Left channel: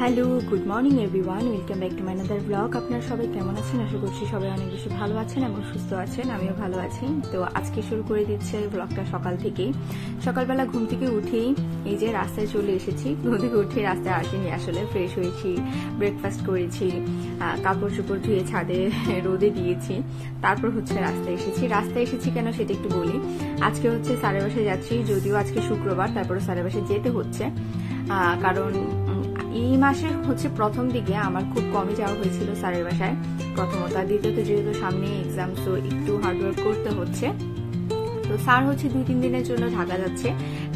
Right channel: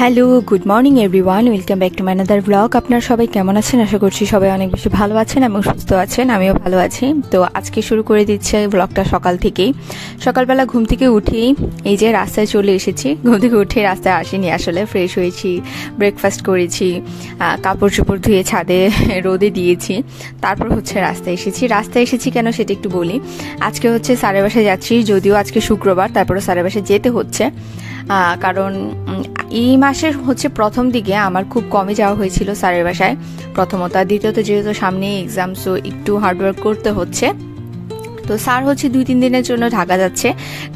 Hello, good morning everyone, welcome back to my another blog. আপনারা সবাই কেমন আছেন? আশা করছি সবাই অনেক বেশি ভালো আছেন এবং সুস্থ আছেন। আমিও ভালো আছি। তো আজকে শুরু করে দিচ্ছে ব্লগটা সকাল থেকেই। সকালবেলা ঘুম থেকে উঠেই এই যে রাস্তায় চলে এসেছি। ঘুম থেকে উঠে রাস্তায় আসিনি, আসলে ফ্রেশ হয়েছি, ব্রেকফাস্ট করেছি, কাপড় চোপড় ধুয়ে ছাদে রোদে দিয়েছি, তারপর হচ্ছে রাস্তায় এসেছি। রাস্তায় এসেছি কেন সেটা একটু বলি। আজকে হচ্ছে স্যারের বাসায় যাচ্ছি, যদিও আজকে শুক্রবার, তারপরে স্যারের বাসায় যেতে হচ্ছে কারণ এই মাসের হচ্ছে প্রথম দিকে আমার খুব কমই যাওয়া হয়েছিল স্যারের বাসায়, প্রথমত। আর দ্বিতীয়ত যেহেতু সামনে এক্সাম, সো একটু হার্ডওয়ার্ক করতে হচ্ছে। তো স্যার হচ্ছে 2-3 দিনের জন্য ঢাকা যাচ্ছে,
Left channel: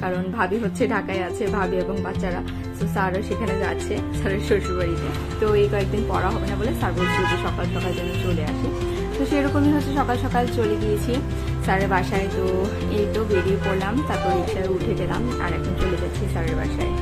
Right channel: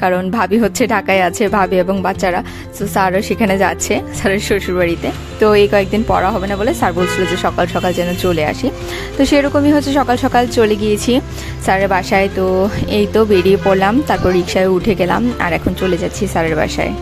কারণ ভাবি হচ্ছে ঢাকায় আছে, ভাবি এবং বাচ্চারা। তো স্যারও সেখানে যাচ্ছে, স্যারের শ্বশুরবাড়িতে। তো এই কয়েকদিন পড়া হবে না বলে স্যার বলছিল যে সকাল সকাল যেন চলে আসি। তো সেরকমই হচ্ছে সকাল সকাল চলে গিয়েছি স্যারের বাসায়। তো এই তো বেরিয়ে পড়লাম, তারপর রিক্সায় উঠে গেলাম, আর এখন চলে যাচ্ছি স্যারের বাসায়।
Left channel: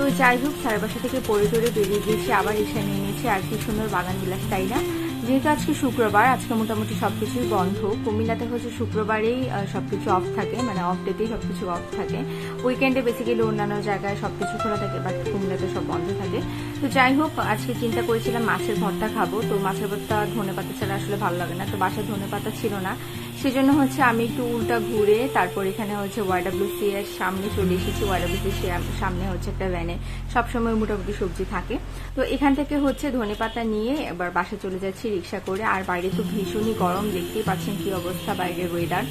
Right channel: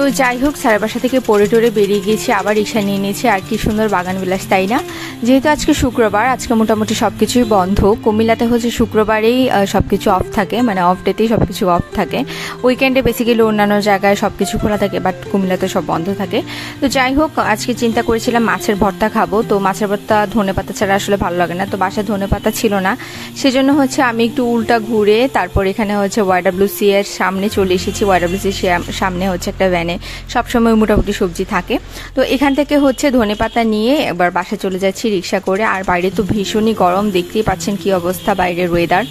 তো যাই হোক, স্যারের বাসা থেকে পড়ে টরে বেরিয়ে গিয়েছি, আবার রিক্সা নিয়ে নিয়েছি। আর কি সুন্দর বাগান বিলাস, তাই না? যেহেতু আজকে শুক্রবার, আজকে মোটামুটি সবকিছুই বন্ধ। কুমিল্লাতে হচ্ছে শুক্রবারেই সবকিছু অফ থাকে, মানে অফ ডেতেই সবকিছু অফ থাকে। উইকেন্ডে বেসিক্যালি অন্যান্য জায়গায় সবকিছু খোলা থাকে, বাট কুমিল্লাতে সব বন্ধ থাকে। তো যাই হোক, আজকে চিন্তা করেছিলাম মাছের ভর্তা খাবো। তো মাছের ভর্তা ধনেপাতা ছাড়া আসলে ভালো লাগে না, তো বাসায় ধনেপাতা ছিল না। সেজন্য হচ্ছে আমি একটু উল্টা ঘুরে তারপর এখানে হচ্ছে YWC এর সামনে চলে এসেছি। YWC সামনে হচ্ছে একটা ভ্যানে সবসময় মোটামুটি সবজি থাকে। তো এখান থেকে হচ্ছে ধনেপাতা নিয়ে এবার বাসায় চলে যাচ্ছি রিক্সা করে। আর বাইরে তো ভীষণই গরম, দেখতেই পাচ্ছেন কি অবস্থা বাইরের ওয়েদার,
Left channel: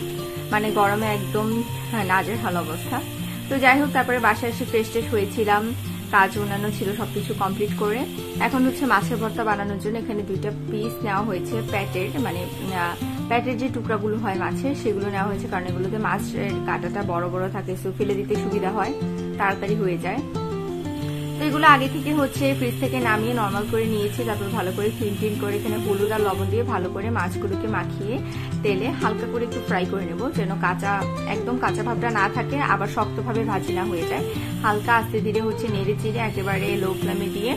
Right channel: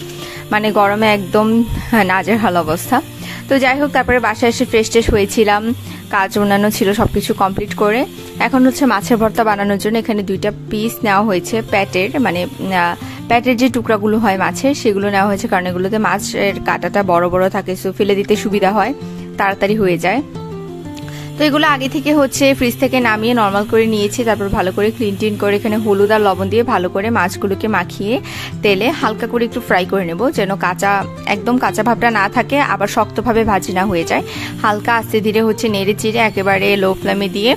মানে গরমে একদম নাজেহাল অবস্থা। তো যাই হোক, তারপরে বাসায় এসে ফ্রেশ ট্রেশ হয়েছিলাম, কাজ অন্যান্য ছিল, সবকিছু কমপ্লিট করে এখন হচ্ছে মাছের ভর্তা বানানোর জন্য এখানে 2টা পিস নেওয়া হয়েছে প্যাটের, মানে প্যাটের যে টুকরাগুলো হয় মাছের, সেগুলো নেওয়া হয়েছে, কারণ এগুলোতে মাছের কাঁটাটা বড় বড় থাকে, সো ফেলে দিতে সুবিধা হয়, তাড়াতাড়ি হয়ে যায়। তো এগুলো আগে থেকে হচ্ছে ফ্রিজ থেকে নামিয়ে নর্মাল করে নিয়েছি, তারপর ভালো করে ক্লিন করে এখানে হলুদ আর লবণ দিয়ে ভালো করে মাছগুলোকে মাখিয়ে তেলে হালকা করে একটু ফ্রাই করে নেব, যেন একদম কাঁচা ভাবটা না থাকে, আবার শক্তভাবে ভাজি না হয়ে যায়। হালকা আস্তে ধীরে হচ্ছে নেড়ে চিড়ে একেবারে লো ফ্লেমে দিয়ে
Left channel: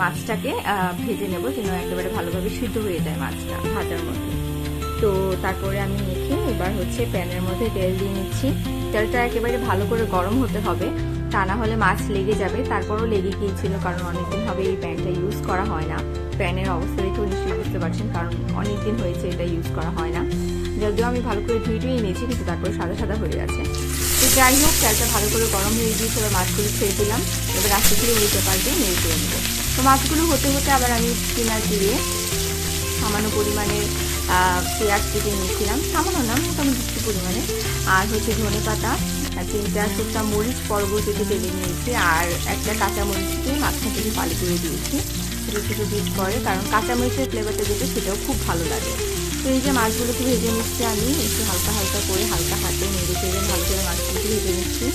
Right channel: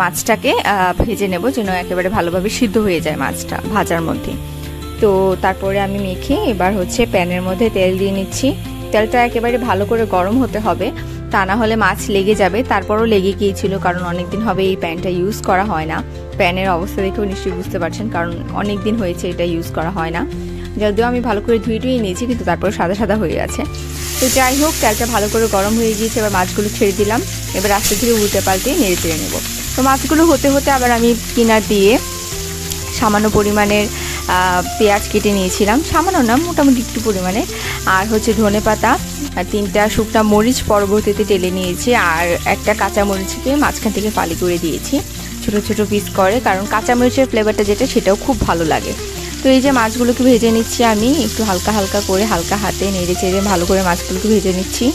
মাছটাকে ভেজে নেব, যেন একেবারে ভালোভাবে সিদ্ধ হয়ে যায় মাছটা ভাজার মধ্যে। তো তারপরে আমি মেখে এবার হচ্ছে প্যানের মধ্যে তেল দিয়ে নিচ্ছি। তেলটা একেবারে ভালো করে গরম হতে হবে, তা না হলে মাছ লেগে যাবে। তারপরও লেগে গিয়েছিল, কারণ অনেকদিন হবে এই প্যানটা ইউজ করা হয় না। প্যানের অবস্থা দেখেও নিশ্চয়ই বুঝতে পারছেন, কারণ অনেক দিন হয়েছে এটা ইউজ করা হয় না। যদিও আমি ভালো করে ধুয়ে নিয়েছি, কিন্তু তারপর সাদা সাদা হয়ে আছে। তো যাই হোক, তেলটা ভালো করে গরম হয়ে গিয়েছে, এবার মাছগুলো ছেড়ে দিলাম। এবার আস্তে ধীরে উল্টে পাল্টে নেড়ে চেড়ে নেবো। তো মাছগুলো হতে হতে আবার আমি কিনার দিয়ে সামান্য পরিমাণের পেঁয়াজ কেটে নিয়েছিলাম, সামান্য না মোটামুটি একটু পরিমাণে, আর হচ্ছে ধনেপাতা, 3টা শুকনা মরিচ পরবর্তীতে টেলে নিয়েছি, আর একটা কাঁচা মরিচকে মাঝখান থেকে ফালি করে দিয়েছি ছোট ছোট পিস করে, কারণ কাঁচা মরিচের ফ্লেভারটা যেটা সেটাও খুব ভালো লাগে। তো এই যে মাছগুলোকে ভেজে নিচ্ছি আমি একটু হালকা হালকা করে, হালকা হাতে নেড়ে চেড়ে ভালো করে মাছগুলোকে ভেজে নিচ্ছি।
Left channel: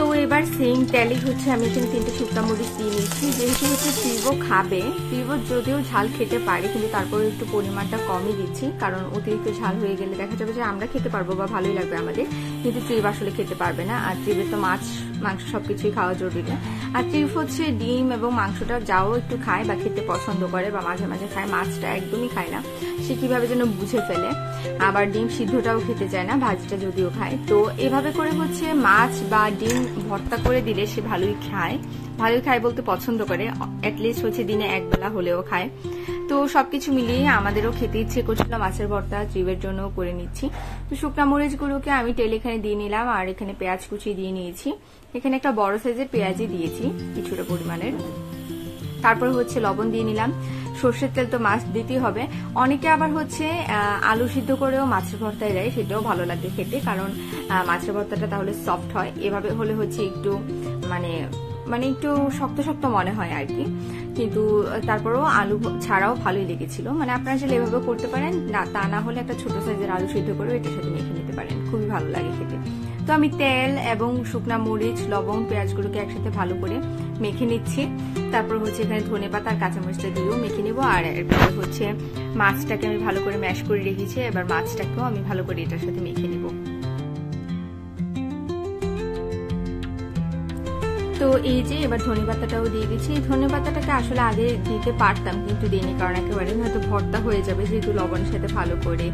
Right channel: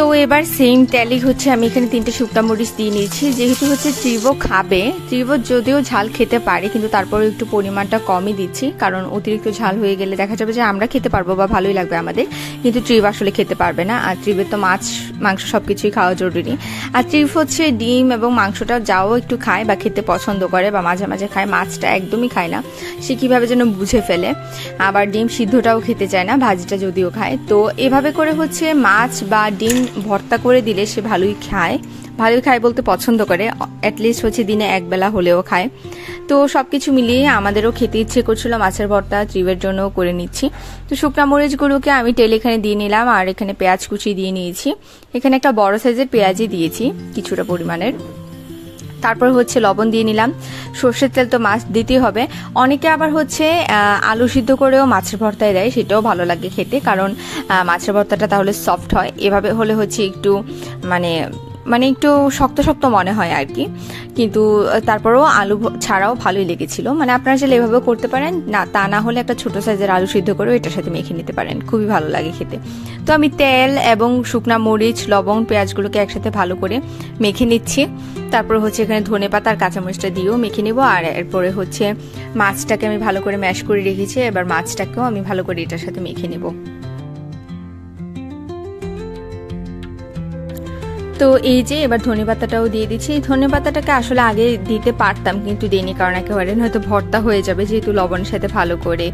তো এবার সেম তেলে হচ্ছে আমি এখানে 3টে শুকনা মরিচ দিয়ে নিয়েছি। যেহেতু হচ্ছে ত্রিভো খাবে, ত্রিভো যদিও ঝাল খেতে পারে, কিন্তু তারপরে একটু পরিমাণটা কমই দিচ্ছি, কারণ অতিরিক্ত ঝাল হয়ে গেলে দেখা যাবে যে আমরা খেতে পারবো বা ভালোই লাগবে আমাদের, কিন্তু ত্রিভ আসলে খেতে পারবে না। আর ত্রিভের তো মাছ মাংস সবকিছুই খাওয়া জরুরি। আর ত্রিভ হচ্ছে ডিম এবং মাংসটা যাও একটু খায় বা খেতে পছন্দ করে বা মাঝে মাঝে খায়, মাছটা একদমই খায় না, সে কিভাবে যেন বুঝে ফেলে। আবার ডিম সিদ্ধটাও খেতে চায় না, ভাজিটা যদিও খায়। তো এভাবে করে হচ্ছে মাছ বা ডিম ভর্তা করে দিলে সে ভালোই খায়, ভালোই খায় বলতে পছন্দ করে, অ্যাটলিস্ট হচ্ছে দিনে একবেলা হলেও খায়। তো সবকিছু মিলিয়ে আমাদেরও খেতে ইচ্ছে করছিল মাছের ভর্তা, ত্রিবের জন্য করে নিচ্ছি। তো শুকনা মরিচগুলোকে আমি তেল এখানে দিয়ে নিলাম, আর এখানে পেঁয়াজ কুচি দিয়ে নিয়েছি। এখানে একটা বড় সাইজের পেঁয়াজই দিয়েছি কিছুটা পরিমাণের। তারপর হচ্ছে লবণ দিয়ে নিলাম। সর্ষের তেল তো মাছ দিতেই হবে। অনেকে আবার হচ্ছে আলু সিদ্ধ করেও মাছের ভর্তায় দেয়, সেটাও ভালো লাগে খেতে, কারণ মাছের ভর্তাটা তাহলে সফট হয়। এভাবে হলে হচ্ছে একটু মানে একটু শক্ত শক্ত মনে হয় আর কি, কিন্তু তারপরেও আলু ছাড়াও ভালোই লেগেছিল। মানে আপনারা চাইলে এভাবেও করতে পারেন, না তা না হলে একটা ছোট সাইজের আলু সিদ্ধ করে এটার সাথে মেখে নিতে পারেন, খুবই ভালো লাগে খেতে। তো আমি তেল এবং শুকনা মরিচ, লবণ, পেঁয়াজগুলোকে একসাথে ভালো করে মেখে নিচ্ছি। তারপর হচ্ছে এখানে ধনেপাতা আর কাঁচামরিচটা দিয়েও মেখে নেবো। আর এরপরে হচ্ছে মাছটাকে আমি ভালো করে ম্যাশ করে রেখেছি, এবার মাছটাকেও আমি ভালো করে এটার সাথে মেখে নেবো। তো এই যে এবার ধনেপাতাটাও দিয়ে দিচ্ছি। ধনেপাতাটাকে আসলে আগে দিতে পারতাম কিন্তু দিইনি, কারণ একেবারে হয়তো ভর্তা হয়ে যাবে, যেহেতু লবণের সাথে ভালো করে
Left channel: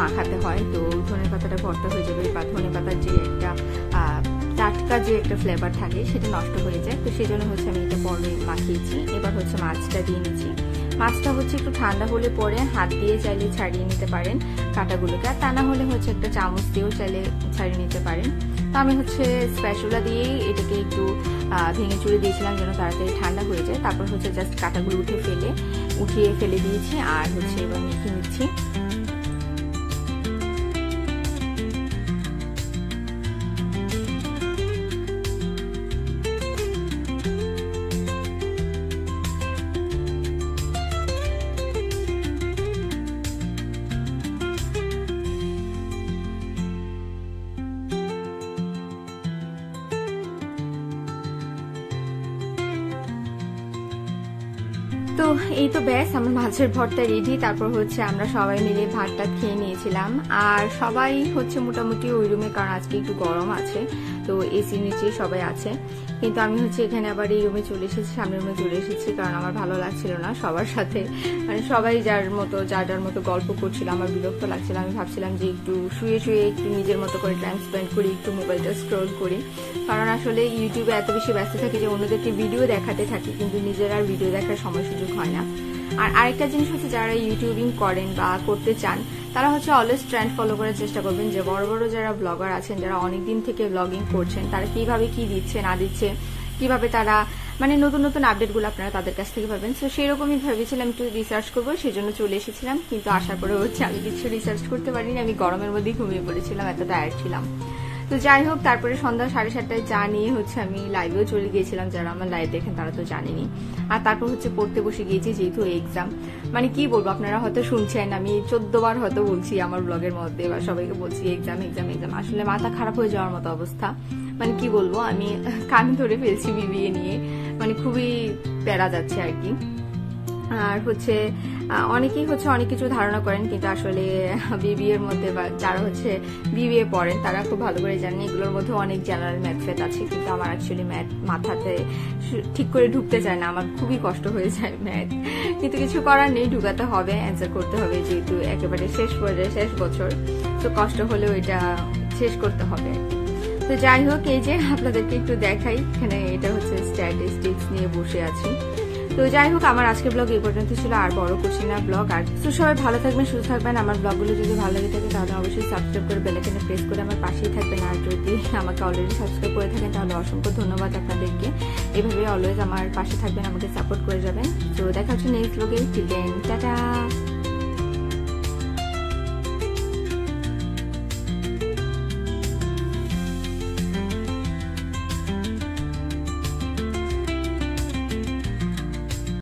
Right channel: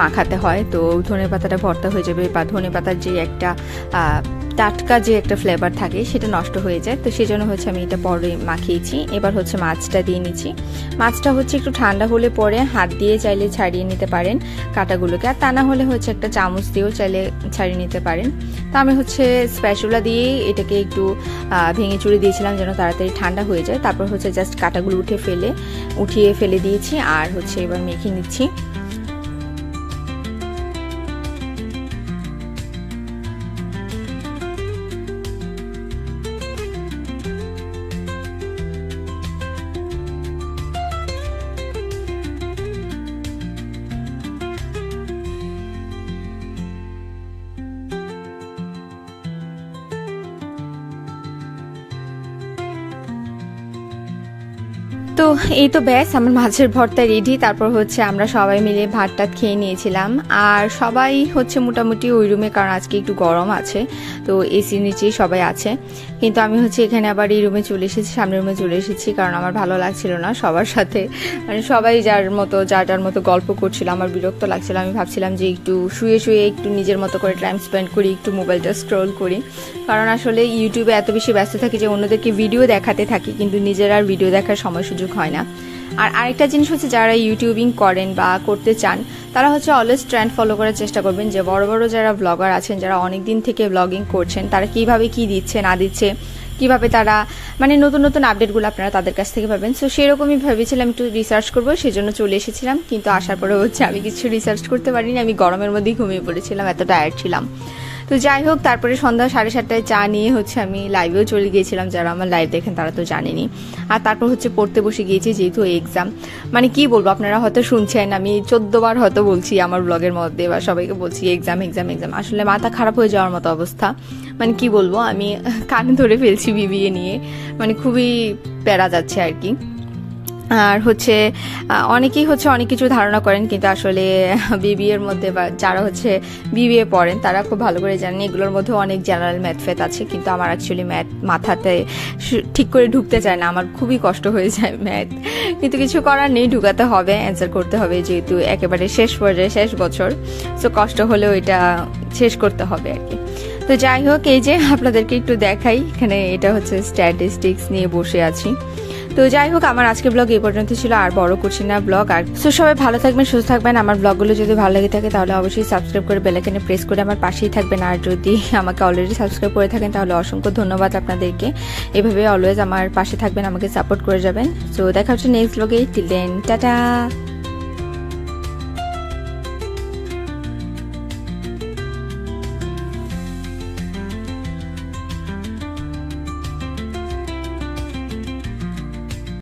মাখাতে হয়। তো ধনেপাতাটা ভর্তা হয়ে যাবে বা ধনেপাতার যে একটা টাটকা যে একটা ফ্লেভার থাকে সেটা নষ্ট হয়ে যায়। তো সেই জন্য হচ্ছে আমি এটা পরে মাখিয়েছি। এবার হচ্ছে মাছটা দিয়ে নিচ্ছি। মাছটা হচ্ছে একটু ঠান্ডা হলে পরে হাত দিয়ে চাইলে ছাড়িয়ে নিতে পারেন কাঁটাগুলোকে, আর তা না হলে হচ্ছে একটা চামচ দিয়েও চাইলে ছাড়িয়ে নিতে পারেন। তো আমি হচ্ছে স্প্যাচুলা দিয়েই এটাকে একটু ভেঙে চুড়ে দিয়েছিলাম যেন তাড়াতাড়ি ঠান্ডা হয়ে যায়। তারপর হচ্ছে জাস্ট কাঁটাগুলো উঠিয়ে ফেলে দিয়েছি, আর হচ্ছে এবার মেখে নিচ্ছি। তো এই তো ব্যাস আমার মাছের ভর্তা রেডি। তারপর হচ্ছে আমরা সবাই মিলে ভাত টাত খেয়ে নিয়েছিলাম, আর সবাই হচ্ছে মোটামুটি ওই রুমে, কারণ আজকে একটু গরম আছে তো এসির নিচেই সবাই আছে। কিন্তু আমি হচ্ছে এখানে আবার এই রুমে চলে এসেছি, সামনের রুমে চলে এসেছি, কারণ আমার ভালো লাগছিল না সবার সাথে, মানে সবাই যার মতো গল্প করছিল, আমার বিরক্ত লাগছিল। আমি ভাবছিলাম যে একটু শুয়ে একটু নিজের মতো করে টাইম স্পেন্ড করি, একটু মোবাইলটা স্ক্রল করি, কারণ আসলে ইউটিউবে এত বেশি ব্যস্ত থাকি যে অন্যদেরকে ভিডিও দেখাতে থাকি, কিন্তু নিজের আর ভিডিও দেখার সময় সুযোগ হয় না। আর আরেকটা জিনিস হচ্ছে, যারা ইউটিউবিং করেন বা করতে চান তারা হচ্ছে অলওয়েজ ট্রেন্ড ফলো করার চেষ্টা করবেন, যে বড় বড় যারা ব্লগার আছেন, যারা অনেক দিন থেকে ব্লগিং করছেন, তারা কিভাবে কি দিচ্ছে না দিচ্ছে, কিভাবে তারা মানে নতুন নতুন আপডেটগুলো আপনারা তাদের কাছ থেকে পাবেন। সো সেরকমই ভেবেছিলাম একটু রিসার্চ করবো, সেজন্য চলে এসেছিলাম। কিন্তু আসার পরে হচ্ছে আমি কিছু রিসার্চ করতে পারিনি, আমি গরমের মধ্যেই ঘুমিয়ে পড়েছিলাম, এত টায়ার্ড ছিলাম। তো যাই হোক, তারপরে সন্ধ্যা 7:30টায় চা নিয়ে হচ্ছে আমি লাইভেও চলে গিয়েছিলাম, যারা আমার লাইভ দেখেন তারা তো জানেনি। আর তারপর হচ্ছে পড়তে বসে গিয়েছি, যেহেতু এক্সাম, মানে কি বলবো, আপনারা হয়তো শুনছেন আমি 14 বার হয়তো বলছি আমার ব্লগের মধ্যে, বা সবাইকে বলছি এক্সাম এক্সাম এক্সাম, আসলে মাথা খারাপ হয়ে যাওয়ার মতো অবস্থা। মানে কি বলবো, আমি কানে ধরে ফেলছি বিবিএ নিয়ে, মানে খুবই প্যারা যাচ্ছে আর কি। আর হচ্ছে অনেকেই হচ্ছে অনেক কিছু ধারণা করেন, কিন্তু আসলে বিবিএর মধ্যে বা যারা হচ্ছে বিবিএ পড়েন তারা খুব ভালো করে জানেন এগুলোর মধ্যে অনেক জেনারেল ম্যাথ ফ্যাথ আছে, কিন্তু আমার অ্যাকচুয়ালি ম্যাথ মাথাতে ঠিক করে ঢুকতে চায় না, আমার খুবই কষ্ট হয়ে যায় ম্যাথ, কিন্তু কিছু করার নেই, ঢুকাতে হবে, অ্যান্সার করতে হবে, যেহেতু একেবারে শেষ পর্যায়ে শেষ বছর, সো কষ্ট হলেও এটা শেষ করতে হবে আর কি। তো যাই হোক, এই যে আপনাদেরকে একটু দেখাই, এখানে এটা হচ্ছে স্ট্যাটিস্টিক্স নিয়ে বসে আছি। তো যাই হোক, আমার আজকের ব্লগ এই পর্যন্ত ছিল, আর বড় করছি না ব্লগ। আর সো সবাই ভালো থাকবেন, সুস্থ থাকবেন। আমার ব্লগগুলো যদি ভালো লেগে থাকে তাহলে অবশ্যই সাবস্ক্রাইব করে বেল আইকনে প্রেস করে আমার পাশেই থাকবেন। আর যদি আমাকে অলরেডি সাবস্ক্রাইব করে থাকেন তাহলে অসংখ্য ধন্যবাদ আপনাদেরকে। এভাবে অলওয়েজ আমার পাশে থাকবেন, আমাকে সাপোর্ট করে যাবেন। সো দেখা হচ্ছে নেক্সট ব্লগে, টিল দেন টাটা।